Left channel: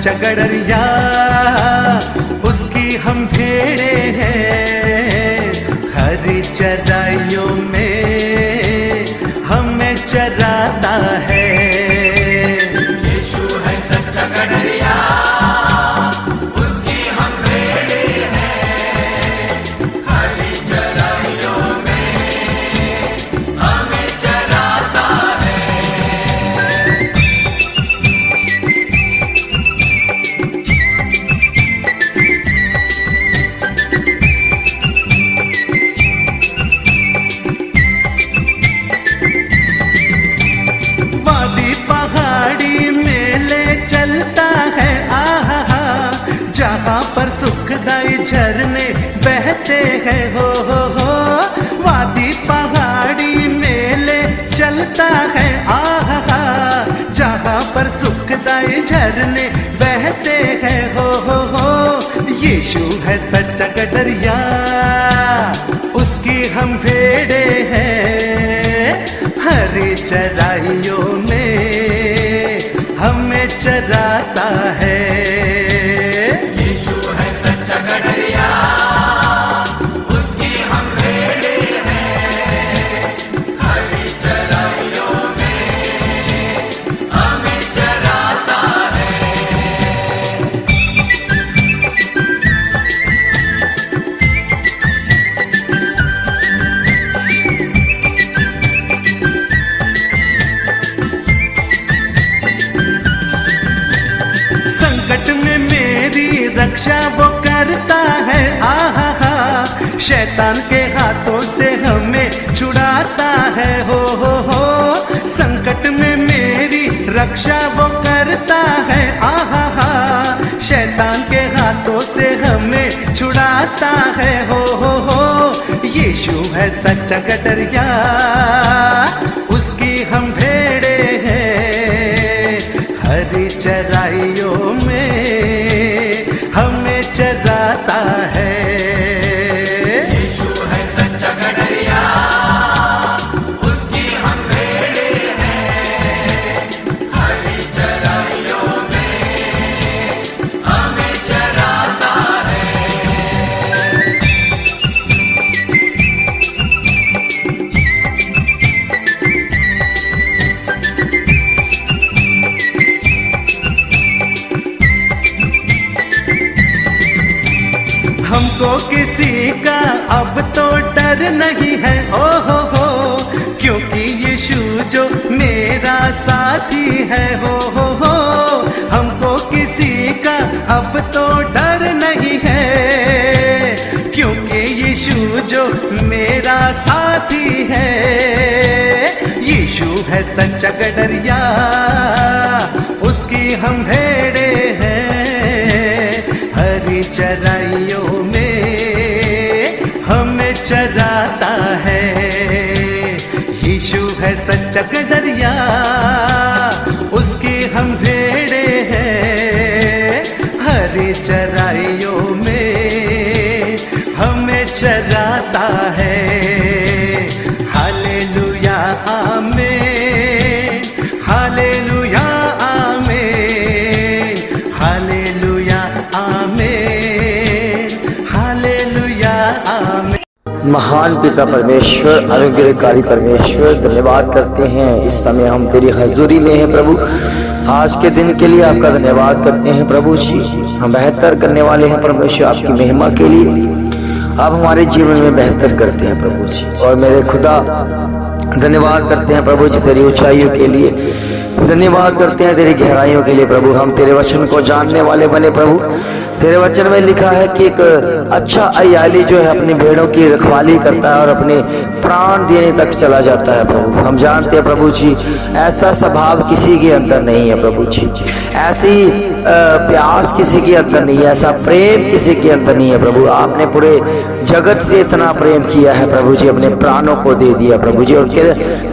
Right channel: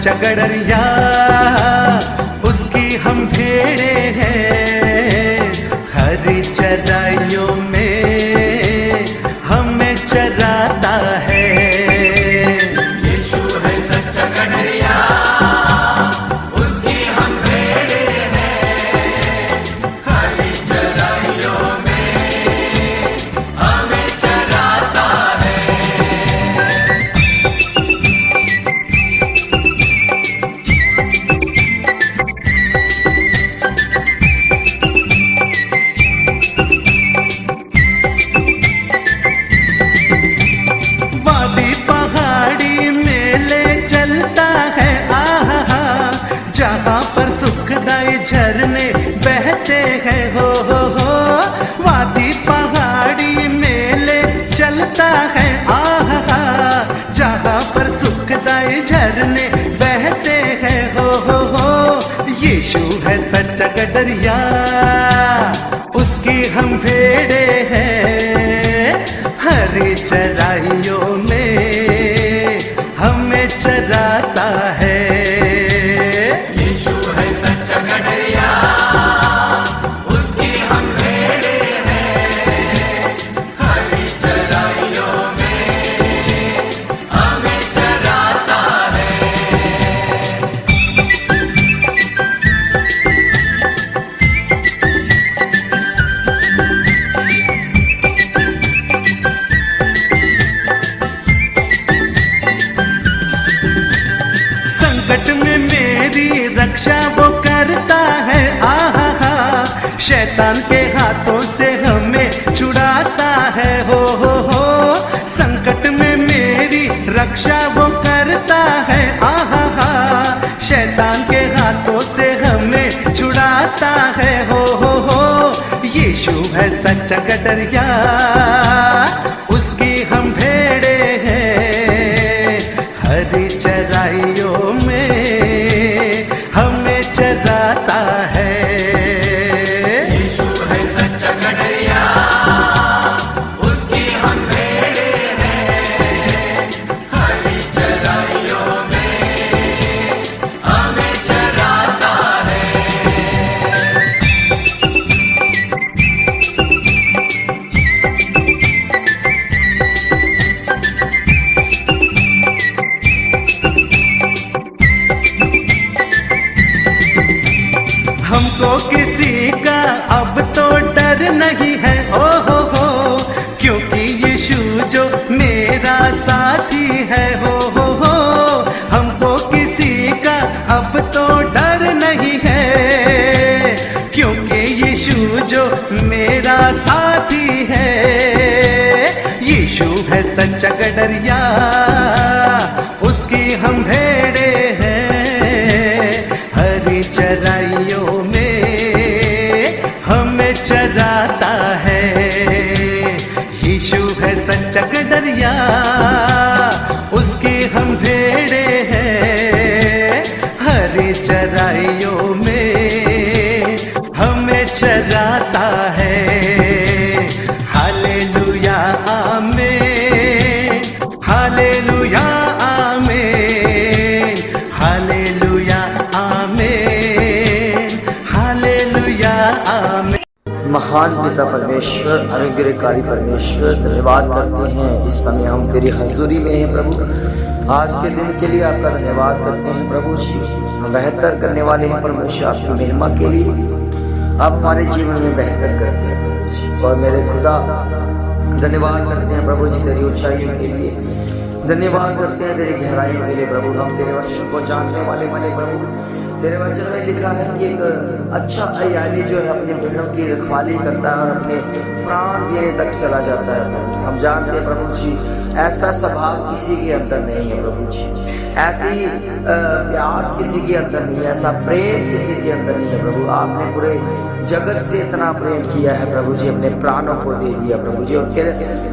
सच्चा गडरिया, उसकी हम भेड़े हैं। हरी चराइयों में हमें चराता है। यीशु है सच्चा गडरिया, उसकी हम भेड़े हैं। हरी चराइयों में हमें चराता है। वादी पहाड़ी में ले चलता है, आहा, जहाँ पर सुखदाई झरने बहते हैं। हो वादी पहाड़ी में ले चलता है, आहा, जहाँ पर सुखदाई झरने बहते हैं। हो यीशु है सच्चा गडरिया, उसकी हम भेड़े हैं। हरी चराइयों में हमें चराता है। यीशु है सच्चा गडरिया, उसकी हम भेड़े हैं। हरी चराइयों में हमें चराता है। संकट में मेरी रक्षा वो करता है, आहा, शैतान के हाथों से हमें छुड़ाता है। हो संकट में मेरी रक्षा वो करता है, आहा, शैतान के हाथों से हमें छुड़ाता है। हो यीशु है सच्चा गडरिया, उसकी हम भेड़े हैं। हरी चराइयों में हमें चराता है। यीशु है सच्चा गडरिया, उसकी हम भेड़े हैं। हरी चराइयों में हमें चराता है। हमको किसी का अब तो डर नहीं है। हो क्योंकि यीशु जो मेरा साथी है। हो हमको किसी का अब तो डर नहीं है, क्योंकि यीशु जो मेरा साथी है। यीशु है सच्चा गडरिया, उसकी हम भेड़े हैं। हरी चराइयों में हमें चराता है। यीशु है सच्चा गडरिया, उसकी हम भेड़े हैं। हरी चराइयों में हमें चराता है। हालेलुया आमीन, हालेलुया आमीन, हालेलुया आमीन, हालेलुया आमीन। महान पिता परमेश्वर, अनुग्रहकारी परमेश्वर, धन्यवाद करते हैं इस समय हम तेरी हजूरी में हैं प्रभु। आज के दिन के लिए आपका धन्यवाद करते हैं प्रभु जी। हम बेहतर करने वाले हैं परमेश्वर, आपकी महिमा के लिए आप हमारे जीवन में बेहतर करते हैं प्रभु जी। और मेरे खुदा धन्यवाद करते हैं प्रभु जी तेरी ऊंचाइयों के लिए, धन्यवाद करते हैं तेरी गहराइयों के लिए प्रभु। हम तेरे वचन को जानने वाले बने प्रभु। तेरे वचन में लिखा है कि एक अच्छा अय्याली जो है अपनी भेड़ों की रखवाली करता है और अपने प्राण देने तक चला जाता है प्रभु। हम जानते हैं प्रभु जी ऐसा स्वभाव किसी के अंदर नहीं है प्रभु जी, ऐसी प्यास किसी के अंदर नहीं है, ऐसा प्रेम किसी के अंदर नहीं है प्रभु। आपने पूरे जगत से इतना प्रेम किया है प्रभु जी, अपने प्राणों को दे दिया प्रभु जी। और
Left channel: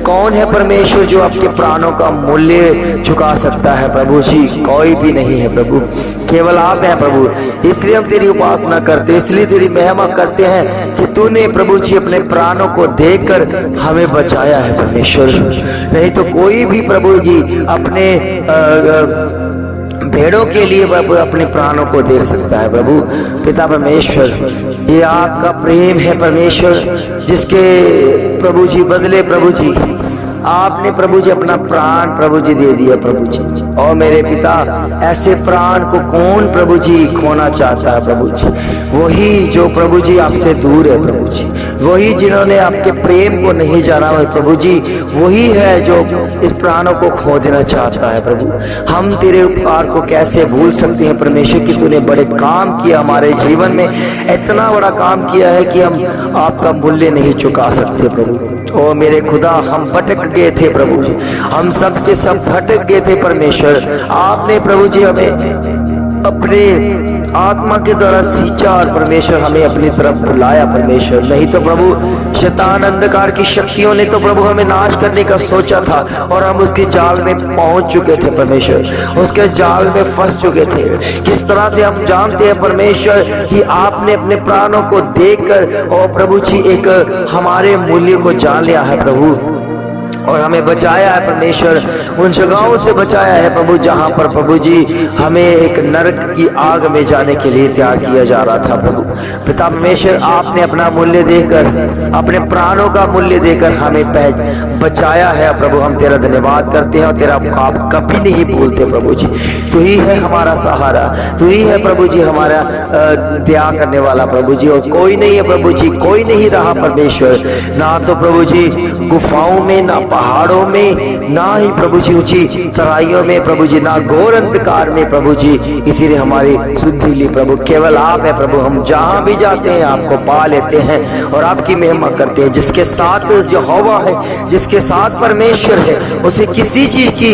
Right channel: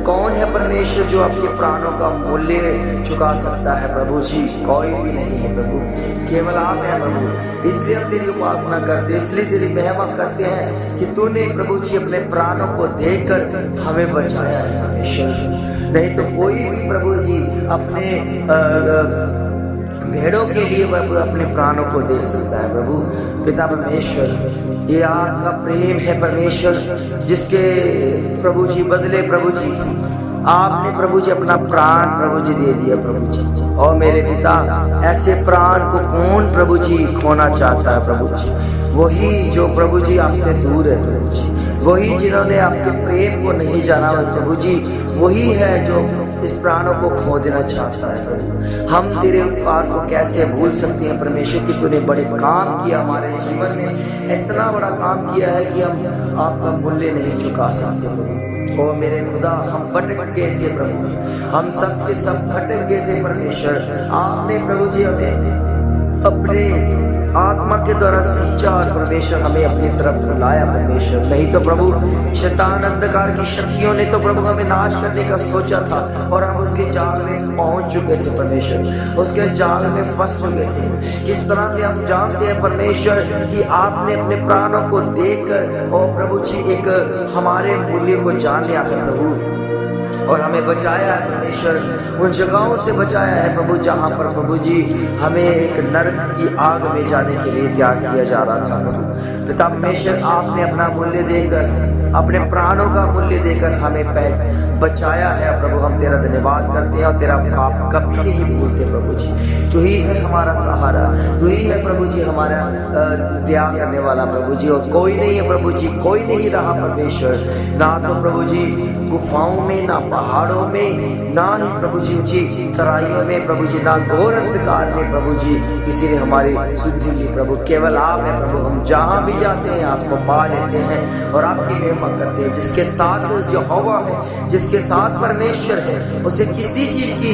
कौन है परमेश्वर जो आपके प्राणों का मूल्य चुका सकता है प्रभु जी? कोई भी नहीं है प्रभु, केवल आप हैं प्रभु। इसलिए हम तेरी उपासना करते, इसलिए तेरी महिमा करते हैं कि तूने प्रभु जी अपने प्राणों को देकर हमें बचाया है परमेश्वर। नहीं तो कोई भी प्रभु जी अपने भेड़ों के लिए प्रभु अपने प्राणों को दे सकता है प्रभु। पिता परमेश्वर, ये आपका प्रेम है परमेश्वर, जिसके प्रभु जी बदले प्रभु जी आपने प्रभु जी अपना प्राण प्रभु जी दे दिया प्रभु जी। और मेरे पिता, ऐसे प्राण को कौन प्रभु जी खोना चाहता है प्रभु जी? वही जो प्रभु जी आपसे दूर है प्रभु जी, वही जिन्होंने आपके प्रेम को नहीं जाना है प्रभु जी, वही है जो इस प्राणों को खो देना चाहता है प्रभु। हम तेरे उपकार को कैसे भूल सकते हैं परमेश्वर कि तूने बड़े काम किया हमारे जीवन में, इतना बड़ा काम किया है कि हम आपका मूल्य नहीं चुका सकते प्रभु। ओ मेरे खुदा, हम भटक गए थे प्रभु जी, हम सब के सब भटक गए थे परमेश्वर। आपने प्रभु जी हमें अपने आत्मा के द्वारा सींचा और परमेश्वर हमें अपनी तरफ बुलाया परमेश्वर। नहीं तो प्रभु शैतान अंधकार की शक्तियों ने तो प्रभु हमें नाश करने का सोचा था और हम उसके जाल में पहुंच चुके थे परमेश्वर, उसके जाल में फंस चुके थे। किस तरह से हम जानते हैं परमेश्वर कि आपने अपने प्राणों को देखकर और प्रभु जी एक हमारे मूल्य को जान लिया है प्रभु, और हमें बचाया है परमेश्वर, उन जगहों से बचाया है प्रभु जहां पर प्रभु जी हमें एक नरक की आग में जाने के लिए तैयार किया जा रहा था प्रभु। पिता परमेश्वर, आपने अपना मूल्य देकर, अपने प्राणों का मूल्य देकर हमें बचाया है प्रभु। हम तेरा धन्यवाद करते हैं और तेरा आप कभी नहीं भूलते प्रभु जी। तू ही है हमारा सहारा, तू ही है प्रभु जी हमारा दया करने वाला प्रभु जी, और कोई नहीं है प्रभु जी, कोई नहीं रहा परमेश्वर। ना तो प्रभु जी गुफाओं में, ना पहाड़ों में, ना ही प्रभु जी ऊंची तराइयों में प्रभु जी, ना घोर अंधकार में प्रभु जी। इसीलिए हमारी सुधि ली प्रभु केवल आप है प्रभु। हम जहां भी जाते हैं आपको पा लेते हैं और आपकी महिमा करते हैं। जिसके साथ यहोवा है, जिसके साथ परमेश्वर है, उसे किसी चीज की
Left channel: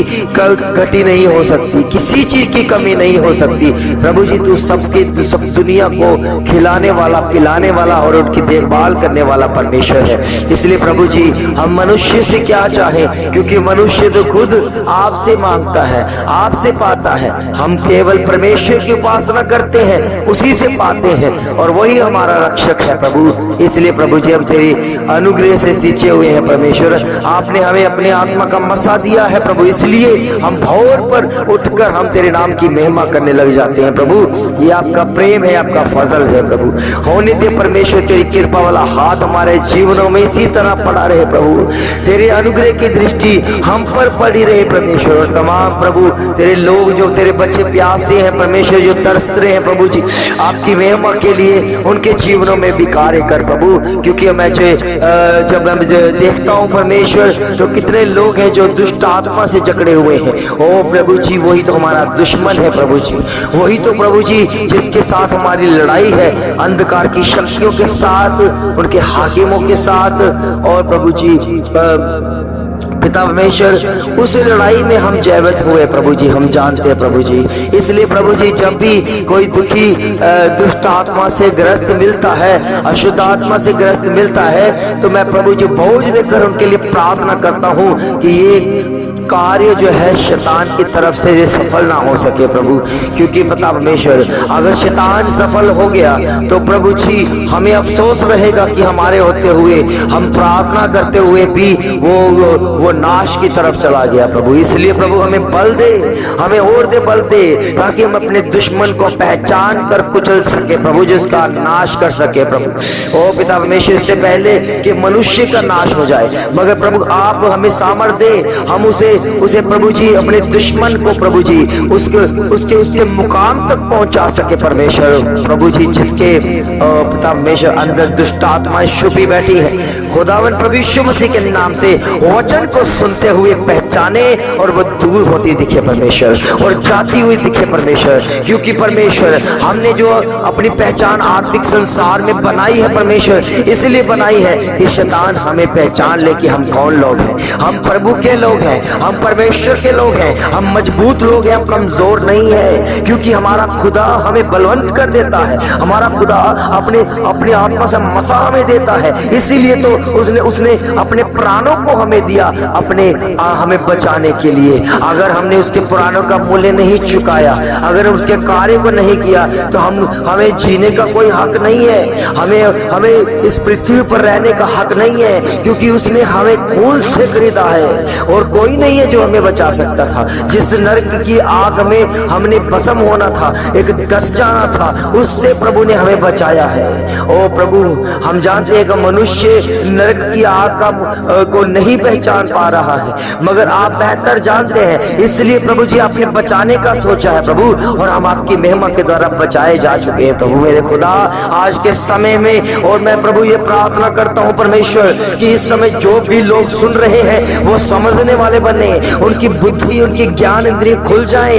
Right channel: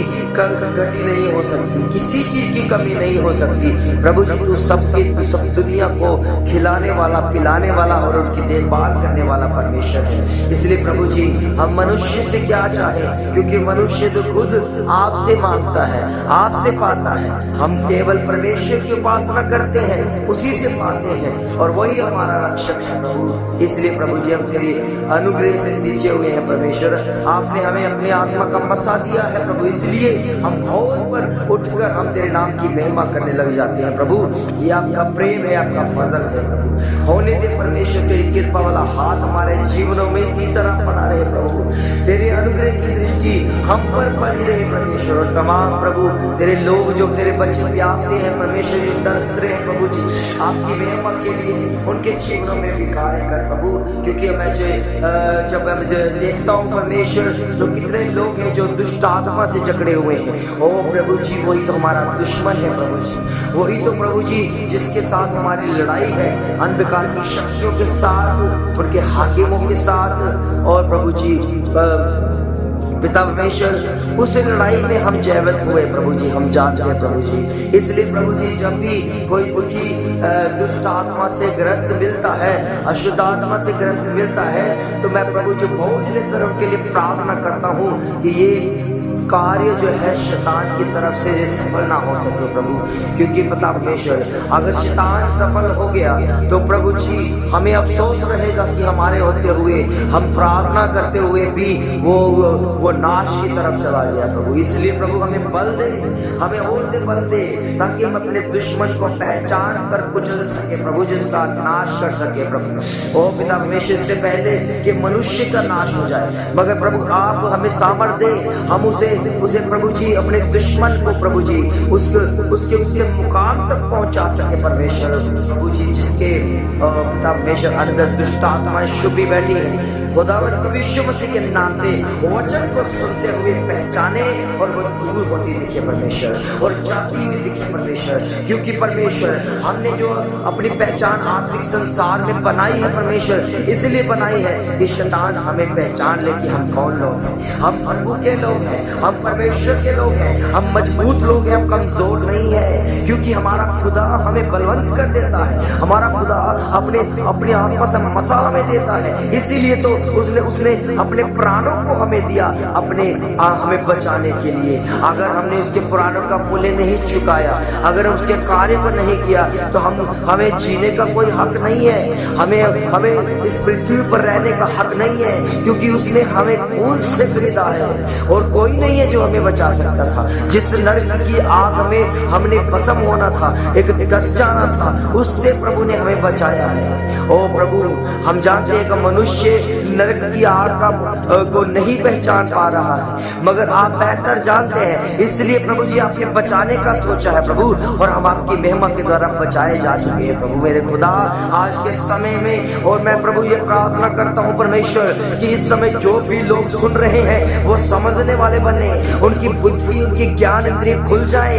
घटी नहीं हो सकती, किसी चीज की कमी नहीं हो सकती प्रभु जी। तू सबकी सब दुनिया को खिलाने वाला, पिलाने वाला और उनकी देखभाल करने वाला परमेश्वर है। इसलिए प्रभु जी हम मनुष्य से क्या चाहे, क्योंकि मनुष्य तो खुद आपसे मांगता है, आपसे पाता है। हम केवल परमेश्वर की उपासना करते हैं, उसी से पाते हैं, और वही हमारा रक्षक है प्रभु। इसलिए प्रभु जी हम तेरी अनुग्रह से सींचे हुए हैं परमेश्वर। आपने हमें अपने आत्मा का मसा दिया है प्रभु, इसलिए हम भोर पर उठकर हम तेरे नाम की महिमा करने लग जाते हैं प्रभु। ये आपका प्रेम है, आपका फजल है प्रभु। होने दे परमेश्वर तेरी कृपा वाला हाथ हमारे जीवनों में इसी तरह पड़ा रहे प्रभु। तेरे अनुग्रह की दृष्टि हम पर पड़ी रहे परमेश्वर। और तमाम प्रभु तेरे लोग जो तेरे बच्चे प्यासे हैं परमेश्वर, जो तरस रहे हैं प्रभु जी आपकी महिमा के लिए, उनके जीवनों में भी कार्य कर प्रभु। क्योंकि मैं जब मैं देखता हूँ परमेश्वर, तो कितने लोग हैं जो दुष्ट आत्मा से जकड़े हुए हैं। ओ प्रभु जी, वही तो हमारा दुश्मन है प्रभु जी, वही तो प्रभु जी जिसके साथ हमारी लड़ाई है, अंधकार की शक्तियों के साथ, उनके हाकिमों के साथ। और प्रभु जी पिता परमेश्वर, उस लड़ाई में हम जयवंत हुए प्रभु जी, हम जानते हैं प्रभु जी। इसलिए प्रभु जी जब भी कोई दुखी दुष्ट आत्मा से ग्रस्त मिलता है, अशुद्ध आत्मा से ग्रस्त मिलता है, तो मैं प्रभु जी बोझ लेकर उनके लिए प्रार्थना करता हूँ कि ये कार्य जो है शैतान की तरफ से ये सफल ना हो सके प्रभु। क्योंकि पता परमेश्वर, अगर शैतान सफल हो गया तो प्रभु जी हमें अफसोस रहेगा कि हमारे होते हुए, हम प्रार्थना करते हुए भी वो नाश की तरफ चला गया प्रभु। इसलिए प्रभु हमें बल दे, हमें और दे बल दे, ताकि हम अपने दुश्मन को पहचान कर कुचल सके प्रभु, जिसका नाश कर सके प्रभु। ओ पिता परमेश्वर, इससे पहले कि मनुष्य का नाश हो जाए, मगर प्रभु आप हमें सामर्थ्य दे, हम उसे प्रभु जी अपने दुश्मन को प्रभु जी उसके मुकाम तक पहुंचा सके परमेश्वर प्रभु जी। जिसके पिता परमेश्वर अंदर दुष्ट आत्माएं छुपी बैठी है, खुदावन प्रभु यीशु मसीह के नाम से वचन को सुनते हुए पहचाने और वो दूर होती दिखे परमेश्वर, और जाती हुई दिखे परमेश्वर। क्योंकि परमेश्वर हमने जो अपनी पहचान आत्मिक संसार में बनाई है परमेश्वर, इसलिए बनाई है कि शैतान हमें पहचान ले कि हम कौन लोग हैं। हम प्रभु के लोग हैं, हम परमेश्वर के लोग हैं, हम मजबूत लोग हैं, हम कमजोर नहीं है। क्योंकि हमारा खुदा हमें बलवंत कर देता है, हमारा खुदा अपने आत्मा से मसा हमें देता है। इसीलिए तो उसने अपने प्राणों को हमें दिया, हमें बचाने के लिए, अगर हमने उसके पुराणों का मूल्य नहीं चुकाया, अगर उसके कार्य को नहीं किया, तो हमें जीने का कोई हक नहीं है, हमें इस पृथ्वी पर रहने का हक नहीं है, क्योंकि उसने हमें खून से खरीदा है और कोई नहीं है जो हमें बचा सकता था। जिस नरक की आग में हमने भस्म होना था, एक डस जाना था, उससे प्रभु ने हमें बचाया है। ओ प्रभु, हम जानते हैं कि मनुष्य नरक की आग को नहीं पहचान पा रहा है, मगर आप बेहतर जानते हैं, इसलिए प्रभु जी आपने बचाने का सोचा है प्रभु, और हम आपकी महिमा के द्वारा बचाए जा चुके हैं प्रभु मेरे खुदा। आज के समय में और मैं प्रभु ये प्रार्थना करता हूँ परमेश्वर कि इस समय जो भी लोग सुन रहे हैं वो समझने वाले बने, उनकी बुद्धि, उनकी ज्ञान इंद्रिय खुल जाए,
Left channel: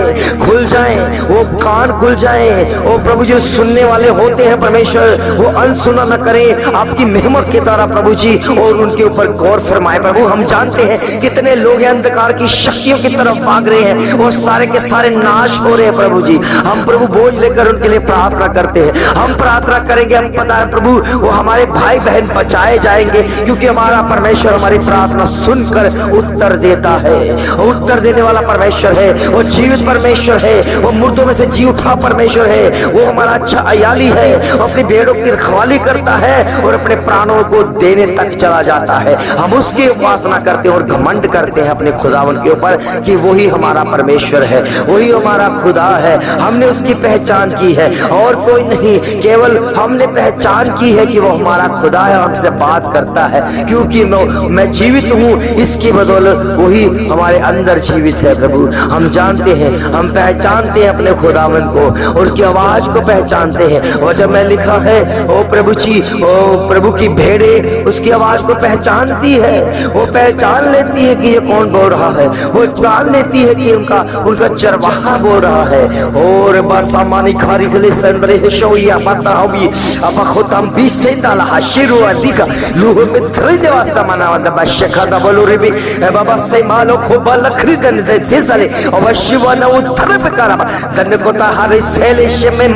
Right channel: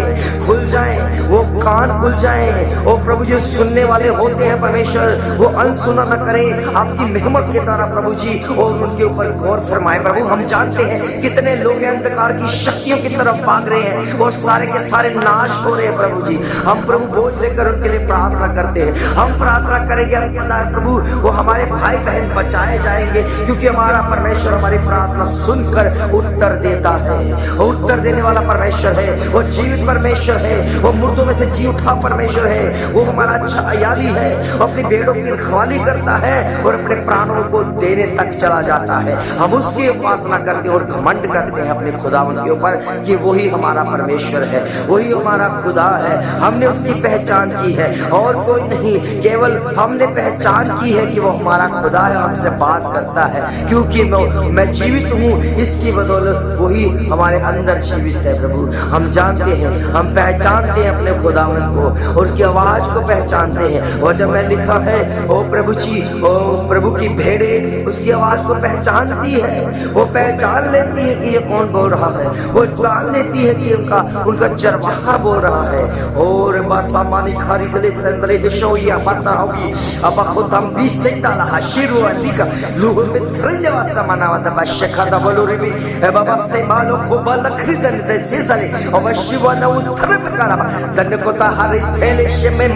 वो कान खुल जाए। ओ प्रभु जो सुनने वाले होते हैं परमेश्वर, वो अनसुना न करे आपकी महिमा के द्वारा प्रभु जी, और उनके ऊपर गौर फरमाए प्रभु। हम जानते हैं कितने लोग अंधकार की शक्तियों की तरफ भाग रहे हैं, वो सारे के सारे नाश हो रहे हैं प्रभु जी। हम प्रभु बोझ लेकर उनके लिए प्रार्थना करते हैं, हम प्रार्थना करेंगे, हम पता है प्रभु वो हमारे भाई बहन बचाए जाएंगे, क्योंकि हमारा परमेश्वर हमारी प्रार्थना सुनकर उत्तर देता है। उत्तर देने वाला परमेश्वर है, वो जीवित परमेश्वर है, वो मुर्दों में से जी उठा परमेश्वर है, वो हमारा अच्छा अयाली है, वो अपनी भेड़ों की रखवाली करता है और अपने प्राणों को देने तक चला जाता है। हम उसकी उपासना करते हैं और घमंड करते हैं अपने खुदावन के ऊपर कि वही हमारा परमेश्वर है, वही हमारा खुदा है। हमने उसकी पहचान की है और कोई नहीं, केवल हमने पहचान की है कि वो हमारा खुदा है, हमसे बात करता है, क्योंकि मैं जीवित हूँ, इसकी बदौलत वही हमारे अंदर जीवित है प्रभु। हम जानते हैं, हम पहचानते हैं अपने खुदावन को, उसकी आवाज को पहचानते हैं। और जब मैं लिखा है ओ प्रभु जी, ओ प्रभु की भेड़े उसकी आवाज को पहचानती है, वो पहचान लेती है कि ये कौन बोल रहा है, वो जान लेती है कि उनका चरवाहा बोल रहा है। और बस हमारी खारी गले संबले शोया पता होगी अब खुदम भी से ताला हशिरु अधिका लूह में थ्रिने वास्ता मनावा द बशखा द बोलो रे भी बाबा से मालो खूब लखरी दन से साले और शिवा न उठरे पे करा दन को ता हरे सेले शे में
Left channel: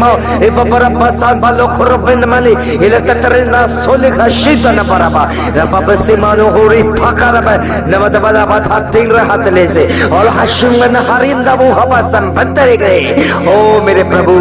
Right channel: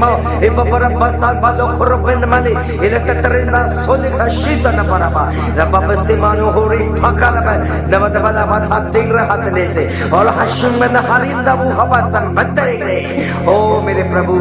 ए बबरा बसा बालो खुरबन मले इले ततरे ना सोले खशीता न बराबा रब से मानो होरी फकरा बा नवत बला बाधा तिंग रहत ले से और हशुंग न हरिंदा वो हवा संबतरे गए। ओ मेरे प्रभु,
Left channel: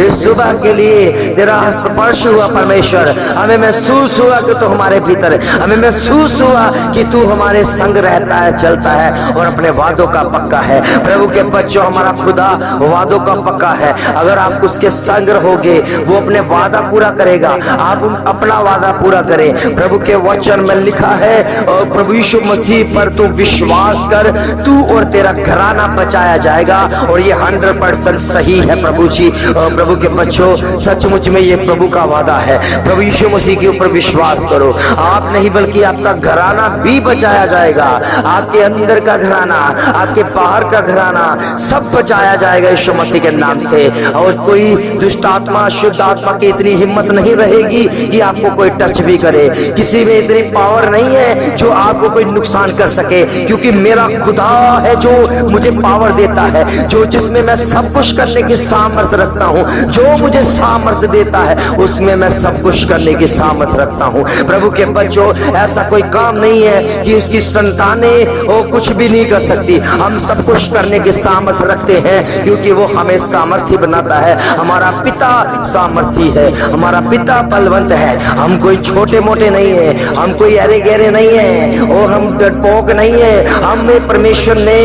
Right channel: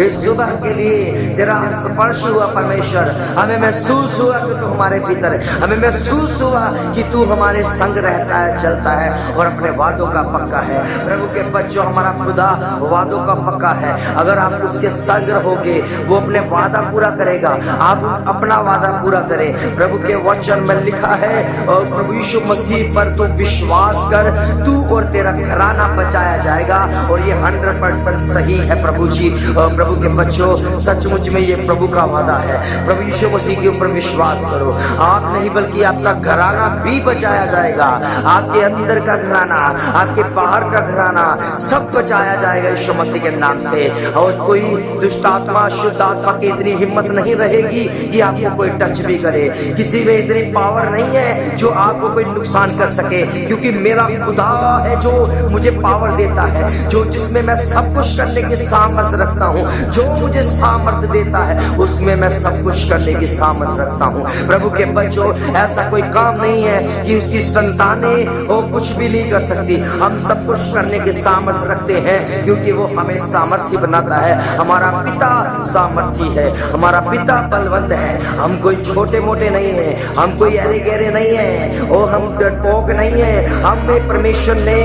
इस सुबह के लिए तेरा स्पर्श हुआ परमेश्वर, हमें महसूस हुआ कि तू हमारे भीतर, हमें महसूस हुआ कि तू हमारे संग रहता है, चलता है और अपने वादों का पक्का है। प्रभु के बच्चों, हमारा खुदा वादों का पक्का है। अगर आप उसके संग रहोगे, वो अपने वादा पूरा करेगा, आप अपना वादा पूरा करें। प्रभु के वचन में लिखा है और प्रभु यीशु मसीह पर तू विश्वास कर, तू और तेरा घराना बचाया जाएगा, और ये 100% सही है प्रभु जी। और प्रभु के बच्चों, सचमुच में ये प्रभु का वादा है। प्रभु यीशु मसीह के ऊपर विश्वास करो, आप नहीं बल्कि आपका घराना भी बचाया जाएगा। आपके अंदर का घराना, आपके बाहर का घराना, सब बचाया जाएगा यीशु मसीह के नाम से। और कोई दुष्ट आत्मा, शुद्ध आत्मा की इतनी हिम्मत नहीं रहेगी कि आपको कोई टच भी करे। किसी में इतनी पावर नहीं है जो आपको कोई नुकसान कर सके, क्योंकि मेरा खुदा है जो मुझे पावर देता है, जो जिसमें मैं सब कुछ करने की सामर्थ्य रखता हूँ। जो मुझे सामर्थ्य देता है उसमें मैं सब कुछ करने की सामर्थ्य रखता हूँ। प्रभु के बच्चों, ऐसा कोई काम नहीं है कि उसकी संतानें वो कुछ भी नहीं कर सकती। हम सब कुछ करने की सामर्थ्य रखते हैं, क्योंकि वो हमें सामर्थ्य बनाता है। हमारा पिता सामर्थी है, हमारा पिता बलवंत है। हम कोई छोटे मोटे नहीं है, हम कोई अरे गहरे नहीं है, और हम डरपोक नहीं है। हमें परमेश्वर ने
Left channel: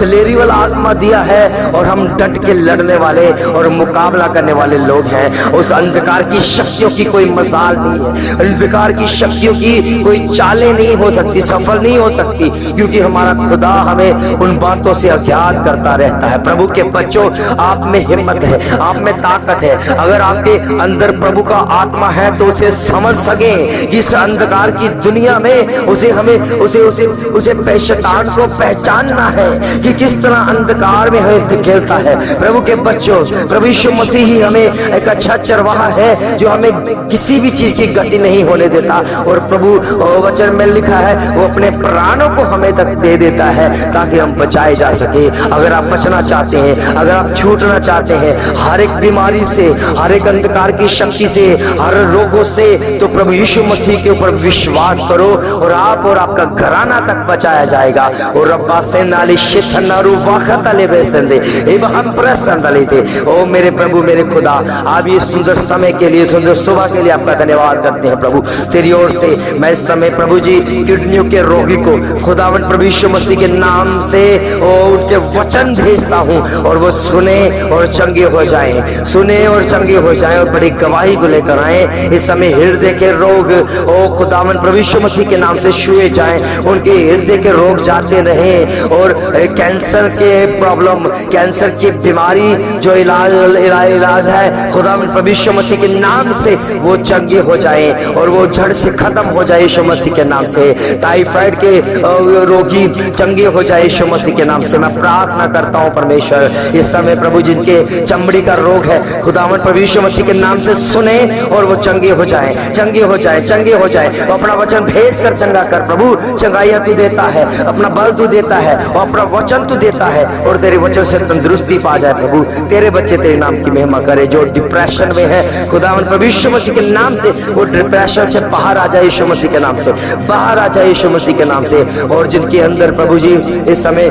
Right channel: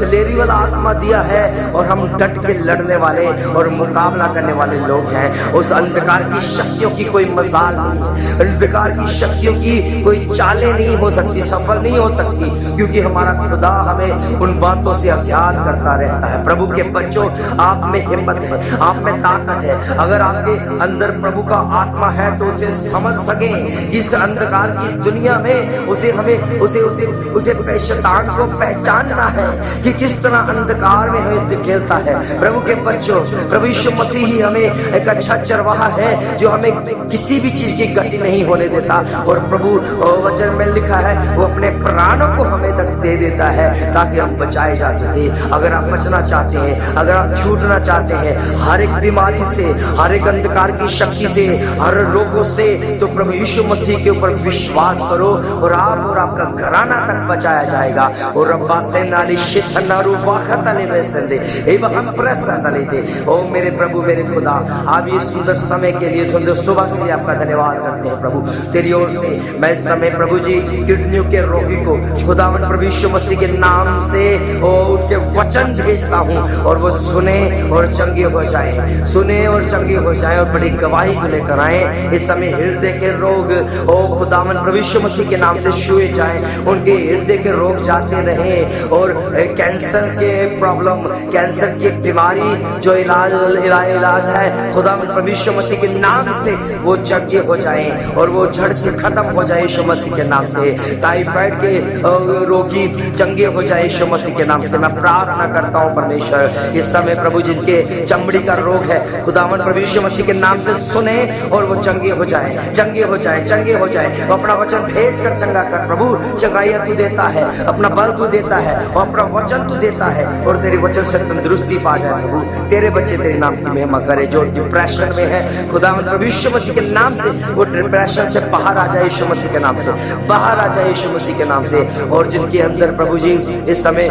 दिलेरी वाला आत्मा दिया है, और हम डट के लड़ने वाले और मुकाबला करने वाले लोग हैं। उस अंधकार की शक्तियों की कोई मजाल नहीं है, अंधकार की शक्तियों की कोई चालें नहीं हो सकती, सफल नहीं हो सकती, क्योंकि हमारा खुदा हमें उन बातों से अज्ञात करता रहता है। प्रभु के बच्चों, आप में हिम्मत है, आप में ताकत है। अगर आपके अंदर प्रभु का आत्मा है तो उसे समझ सके इस अंधकार की दुनिया में उसे शैतान को पहचानना है कि किस तरह अंधकार में हमें खेलता है। प्रभु के बच्चों, प्रभु यीशु मसीह ही हमें एक अच्छा चरवाहा है जो हमें किसी भी चीज की गति नहीं होने देता। और प्रभु वचन में लिखा है वो अपने प्राणों को हमें तक दे देता है ताकि हम बचाए जा सके। अगर आप बचना चाहते हैं, अगर आप छूट करना चाहते हैं, हर एक बीमारी से, हर एक अंधकार की शक्ति से, हर रोगों से, तो प्रभु यीशु मसीह के ऊपर विश्वास करो और आप और आपका घराना तक बचाया जाएगा। और रब्बा से नाली शिथनारू वाखतले बेसंदे एवं प्रसन्न थे। ओ मेरे प्रभु मेरे खुदा, आप ये सुंदर समय के लिए, सुंदर सुबह के लिए आपका धन्यवाद करते हैं प्रभु। तेरी ओर से मैं इस समय प्रभु जी किडनियों के रोगी को खुदावन प्रभु यीशु मसीह के नाम से उनके वचन भेजता हूँ और वो सुने और चंगे हो जाएं, सुने और चंगे हो जाएं और बड़ी गवाही को लेकर आए। इस समय हृदय के रोग ओ खुदावन प्रभु यीशु मसीह के नाम से छुए जाएं, उनके हृदय के रोग जाते रहें और कैंसर के प्रॉब्लम, कैंसर की बीमारी जो इलाज है खुदावन प्रभु यीशु मसीह के नाम से वो चंगे हो जाएं और वो जड़ से खत्म हो जाए यीशु मसीह के नाम से। टाइफाइड के रोगी चंगे हो जाए यीशु मसीह के नाम से। मैं प्रार्थना करता हूँ परमेश्वर, इस समय प्रभु जिनके चमड़ी का रोग है खुदावन प्रभु यीशु मसीह के नाम से सुने और वो चंगे हो जाए, चंगे हो जाए, चंगे हो जाए। वो अपना वचन भेज कर चंगा कर प्रभु। चंगाइयां तू देता है, अपना बल तू देता है और अपना वचन तू देता है और तेरे वचन से तंदुरुस्ती पा जाए प्रभु। तेरे बच्चे तेरे नाम की महिमा करे। जो डिप्रेशन में है खुदावन प्रभु यीशु मसीह के नाम से वो डिप्रेशन से बाहर आ जाए यीशु मसीह के नाम से, बाहर आ जाए यीशु मसीह के नाम से। और जिनके अंदर प्रभु जी इस समय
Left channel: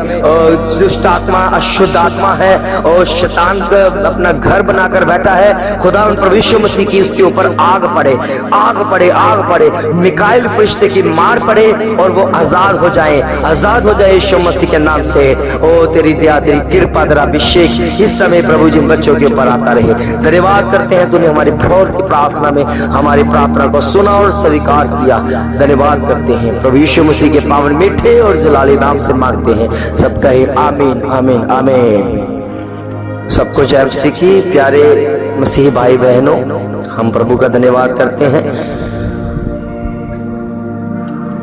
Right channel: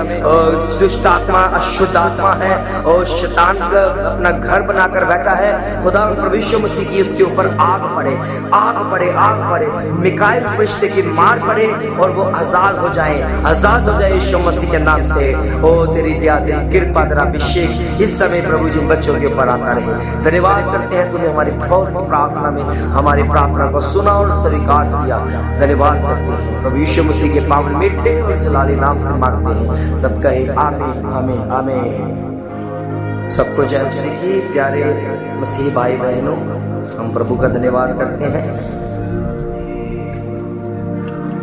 दुष्ट आत्मा, अशुद्ध आत्मा है और शैतान अपना घर बनाकर बैठा है, खुदावन प्रभु यीशु मसीह की उसके ऊपर आग पड़े, आग पड़े, आग पड़े, मिकाइल फरिश्ते की मार पड़े और वो आजाद हो जाए, आजाद हो जाए यीशु मसीह के नाम से। ओ तेरी दया, तेरी कृपा, तेरा अभिषेक इस समय प्रभु जिन बच्चों के ऊपर आता रहे। धन्यवाद करते हैं तूने हमारी भोर की प्रार्थना में हमारी प्रार्थना को सुना और स्वीकार किया। धन्यवाद करते हैं प्रभु यीशु मसीह के पावन मीठे और जलाली नाम से मांगते हैं। सब कहे आमीन, आमीन, आमीन। सबको जय मसीह की। प्यारे मसीह भाई बहनों, हम प्रभु का धन्यवाद करते हैं।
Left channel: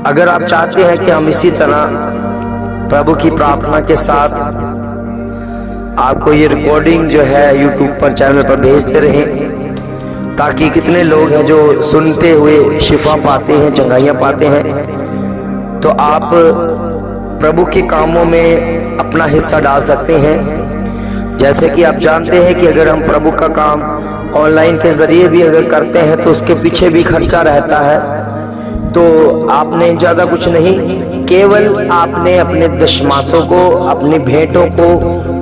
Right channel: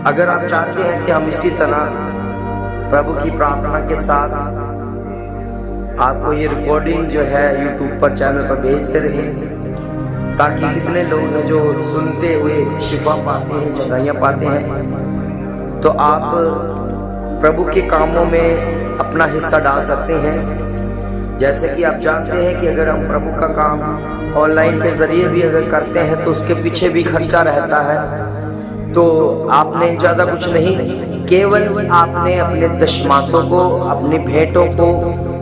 अगर आप चाहते हैं कि हम इसी तरह प्रभु की प्रार्थना के साथ आपको ये रिकॉर्डिंग जो है YouTube पर चैनल पर भेजते रहें, ताकि कितने लोग हैं जो सुनते हुए शिफा पाते हैं, चंगाइयाँ पाते हैं, तो आप प्रभु के कामों में अपना हिस्सा डाल सकते हैं। जैसे कि आप जानते हैं कि अगर हम प्रभु का काम ऑनलाइन के जरिए भी अगर करते हैं तो उसके पीछे भी खर्चा रहता है। तो आपने ज़्यादा कुछ नहीं, केवल आपने अपने दशमासों को, अपनी भेंटों को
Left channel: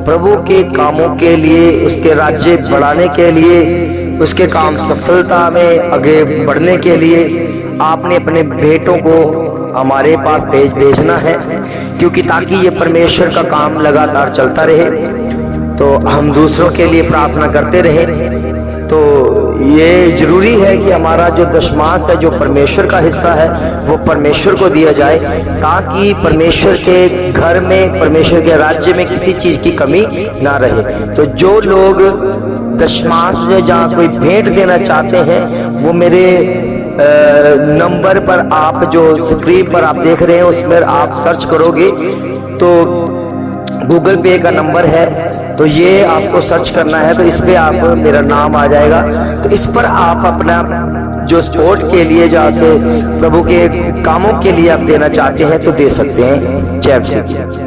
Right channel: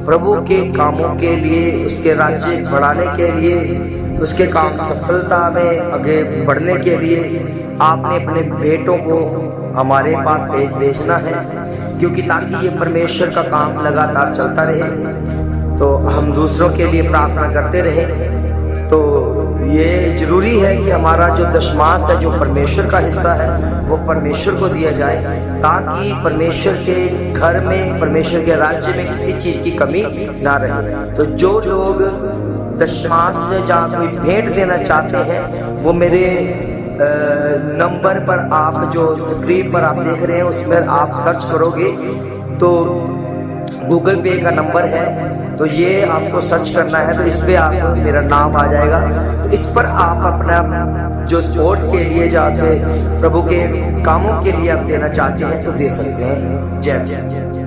प्रभु के कामों के लिए, उसके राज्य बढ़ाने के लिए, उसके काम सफलता में आगे बढ़ने के लिए आपने अपने भेंटों को हमारे पास भेजना है, क्योंकि ताकि ये परमेश्वर का काम लगातार चलता रहे, तो हम दूसरों के लिए प्रार्थना करते रहे। तो ये जरूरी है कि हमारा जो दशमास है, जो परमेश्वर का हिस्सा है, वो परमेश्वर को दिया जाए, ताकि परमेश्वर के घर में, परमेश्वर के राज्य में किसी चीज की कमी ना रहे। तो जो लोग दशमास से जहाँ कोई भेंट देना चाहते हैं, वो मेरे नंबर पर, आप जो स्क्रीन पर आप देख रहे हैं उसमें आप सर्च करोगे तो गूगल पे का नंबर है, तो ये आपको सर्च करना है, तो इस पे आप मेरा नाम आ जाएगा। तो इस पर आप अपना जो सपोर्ट के लिए, जहाँ से प्रभु के कामों के लिए आप देना चाहते हैं तो दे सकते हैं। जय मसीह।